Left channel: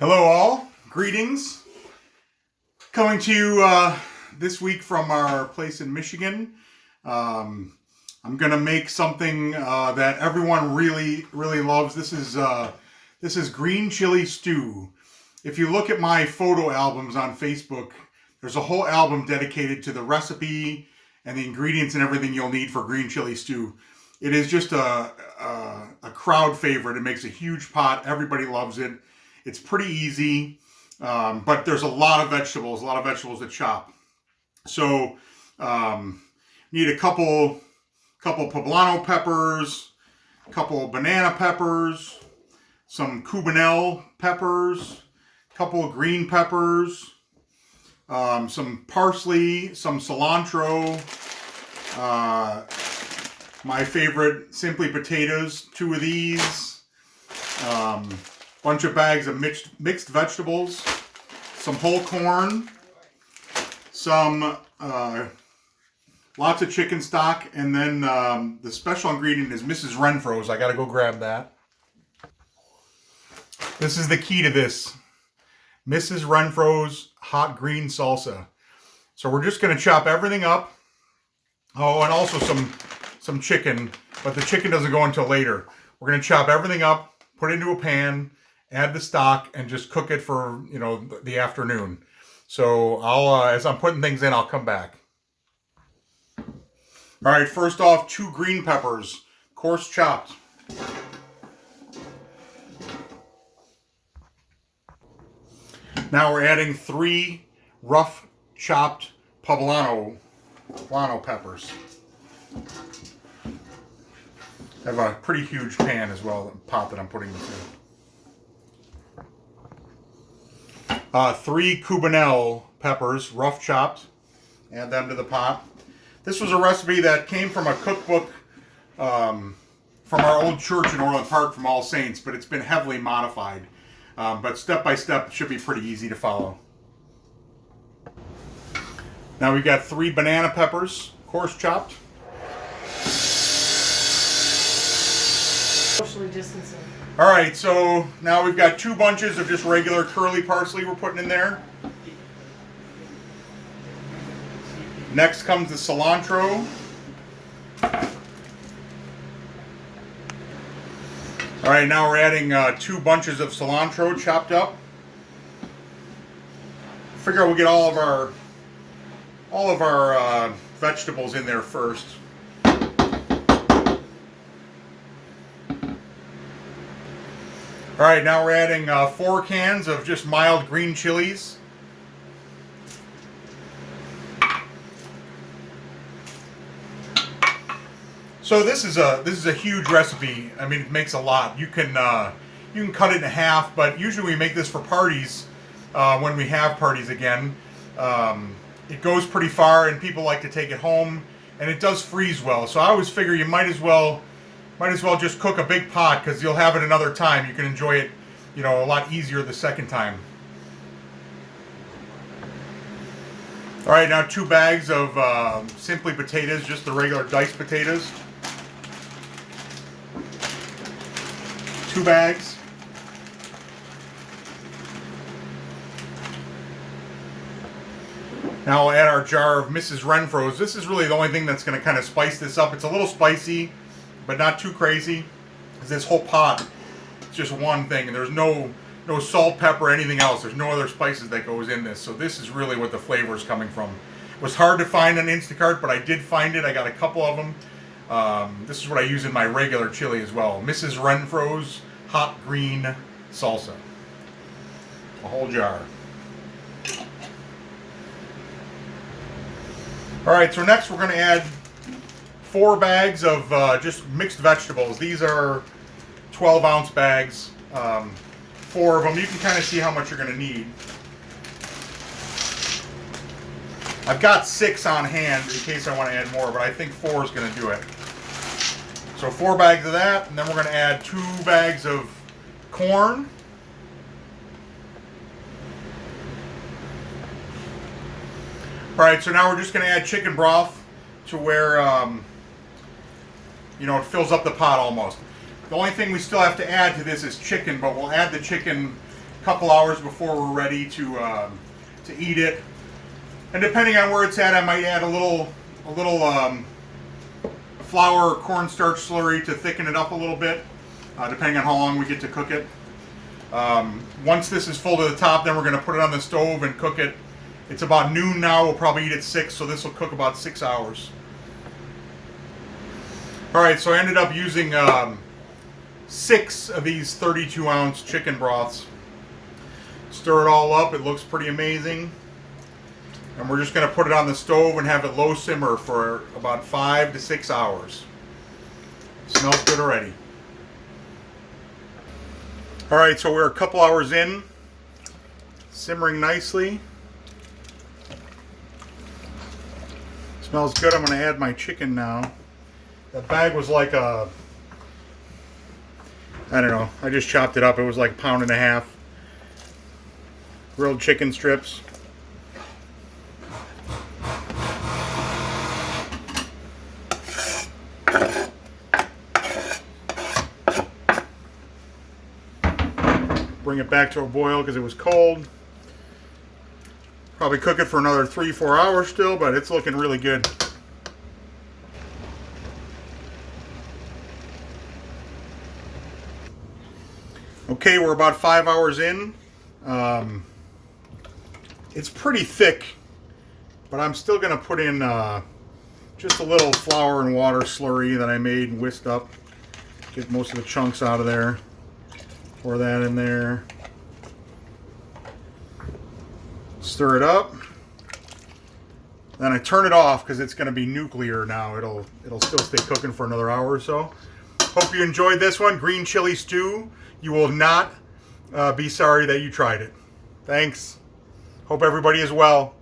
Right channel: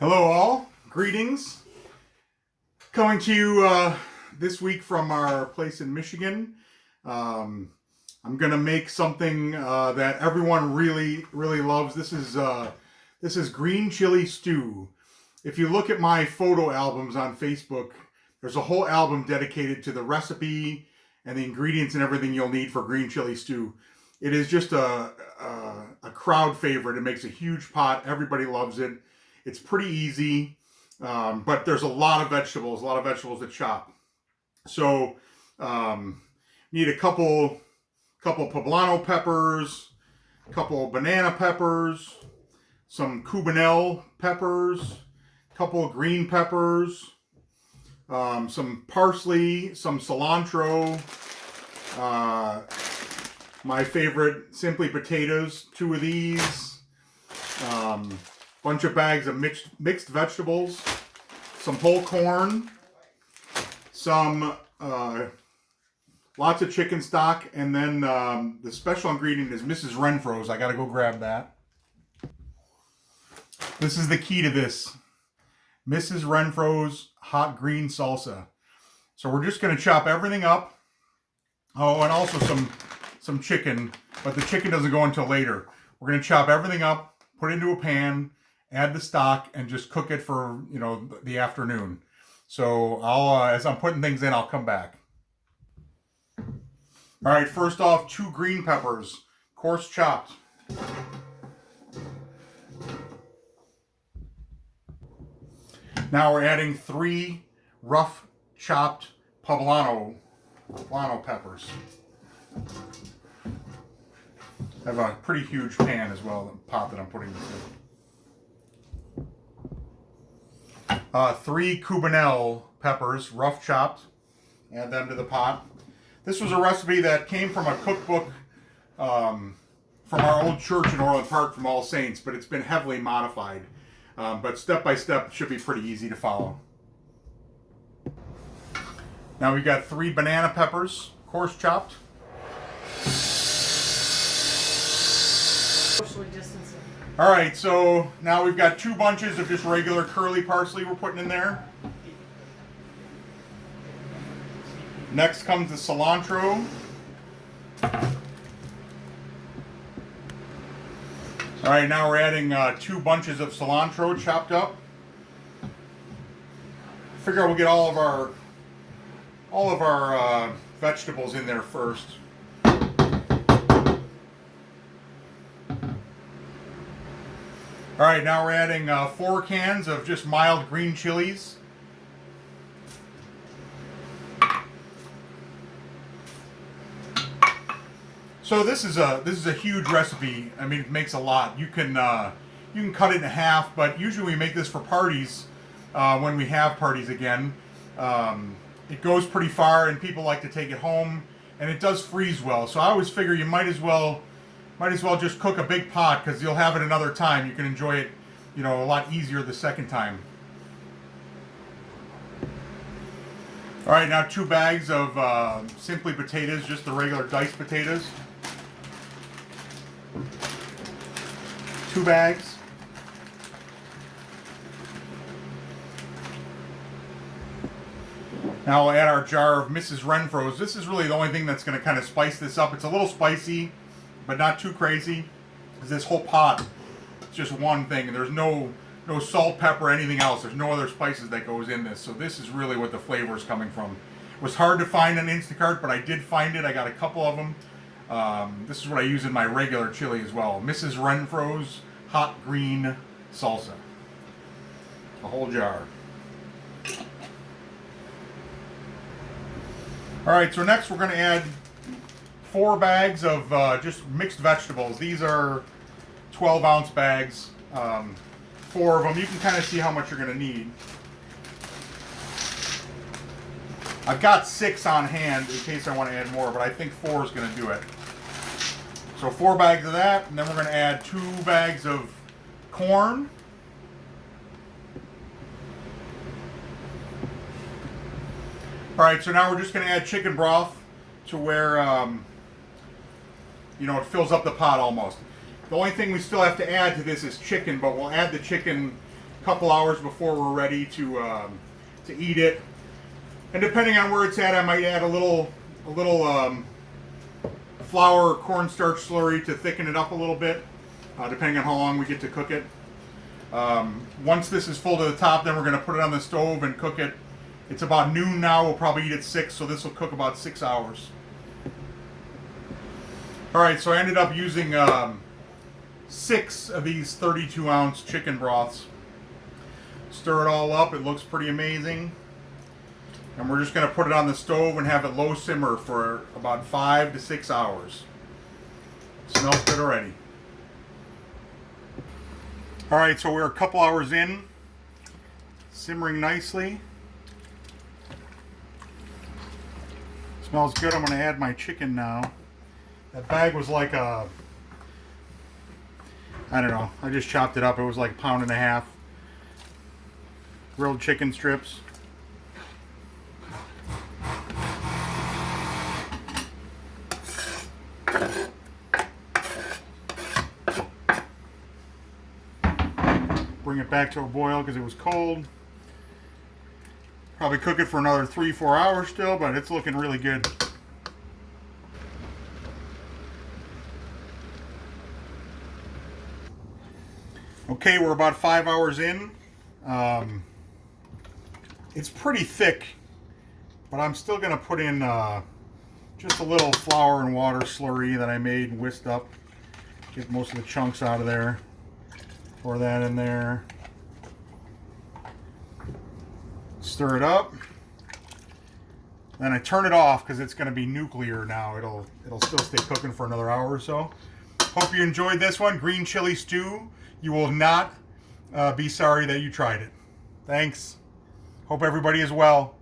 Hello all, greetings. Coming to you this week from our place in Michigan. I'm gonna make something that everyone really loves. This is green chili stew. If you look at my photo albums on Facebook, there's a whole album dedicated to the recipe and the ingredients and everything you'll need for green chili stew. It is just a crowd favorite. It makes a huge pot. Everybody loves it. It's pretty easy, but there's a lot of vegetables to chop. So need a couple poblano peppers, a couple banana peppers, some cubanelle peppers, a couple of green peppers, some parsley, some cilantro, my favorite Simply Potatoes, 2 of these, bunch of bags of mixed vegetables, some whole corn, some lots of chicken stock, and then the special ingredient is Mrs. Renfro's. I gotta go grab that. This is the key to this. Mrs. Renfro's hot green salsa. So we're just gonna chop everything up. Oh, and also some chicken, but the chicken doesn't go until later. We're gonna chop everything up, put it into a pan, add the stock, and just cook it for, the afternoon. So I'll, as I'm putting things in, I'll come back. All right, first off, 2 green peppers, coarse chopped. Now we're adding 3 rough chopped poblano peppers. I have a pretty huge pan as well, pot that I'm putting this in. 3 cubanelle peppers, rough chopped. Add them to the pot. This was a recipe that came from a cookbook from our old church in Orland Park from All Saints, but it's been heavily modified. But step by step, it should be pretty easy to follow. Now we've got 3 banana peppers, coarse chopped. Socially distancing. All right, so now we've got 2 bunches of just regular curly parsley we're putting in there. Next comes the cilantro. All right, now we're adding 2 bunches of cilantro chopped up. Figure we'll get all of our vegetables in there first. All right, now we're adding 4 cans of just mild green chilies. So this is a huge recipe. I mean, it makes a lot. You can cut it in half, but usually we make this for parties when we have parties again. It goes pretty far, and people like to take it home, and it does freeze well. So I always figure you might as well just cook a big pot, because you'll have it another time. You can enjoy it, a lot easier the second time. All right, now 2 bags of Simply Potatoes, just the regular diced potatoes. 2 bags. Now we'll add our jar of Mrs. Renfro's. This is really the only thing that's going to kind of spice this up. It's a little spicy, but not too crazy. Because this whole pot, it's just one thing, and there's no salt, pepper, anything else. There's no other spices that goes in this. So this is really what the flavor is coming from. It was hard to find on Instacart, but I did find it. I got a couple of them. This is what I use in my regular chili as well. Mrs. Renfro's hot green salsa. A whole jar. All right, so next we're going to add 4 bags of just mixed vegetables. These are 12-ounce bags. 4 of them. You can kind of see how much you're going to need. I've got 6 on hand in case I want to add more, but I think 4 is going to do it. So 4 bags of that, and then we're going to add 2 bags of corn. All right, so now we're just going to add chicken broth to where, it fills up the pot almost. The only thing we still have to add to this is chicken, but we'll add the chicken a couple hours before we're ready to eat it. And depending on where it's at, I might add a little flour or cornstarch slurry to thicken it up a little bit, depending on how long we get to cook it. Once this is full to the top, then we're going to put it on the stove and cook it. It's about noon now. We'll probably eat at 6, so this will cook about 6 hours. All right, so I ended up using 6 of these 32-ounce chicken broths. Stir it all up. It looks pretty amazing. And we're just going to put it on the stove and have it low simmer for about 5 to 6 hours. Smells good already. All right, so we're a couple hours in. Simmering nicely. Smells good. I'm going to add my chicken now. That bag was like I don't know, I just chopped it up. It was like 1.5 pounds. Grilled chicken strips. Bring it back to a boil because it was cold. Probably cook it for another 3-4 hours still, but it's looking really good. Okay, we're about 5 hours in. It's pretty thick, but I'm still going to put in just a little flour and water slurry that I made and whisked up. Get most of the chunks out of there. Pour that in there. Stir it up. Then I turn it off because it's going to be nuclear now. It'll still stay cooking for another hour or so. Hope you enjoyed this one. Green chili stew. You will not be sorry that you tried it. Thanks. Hope everybody is well.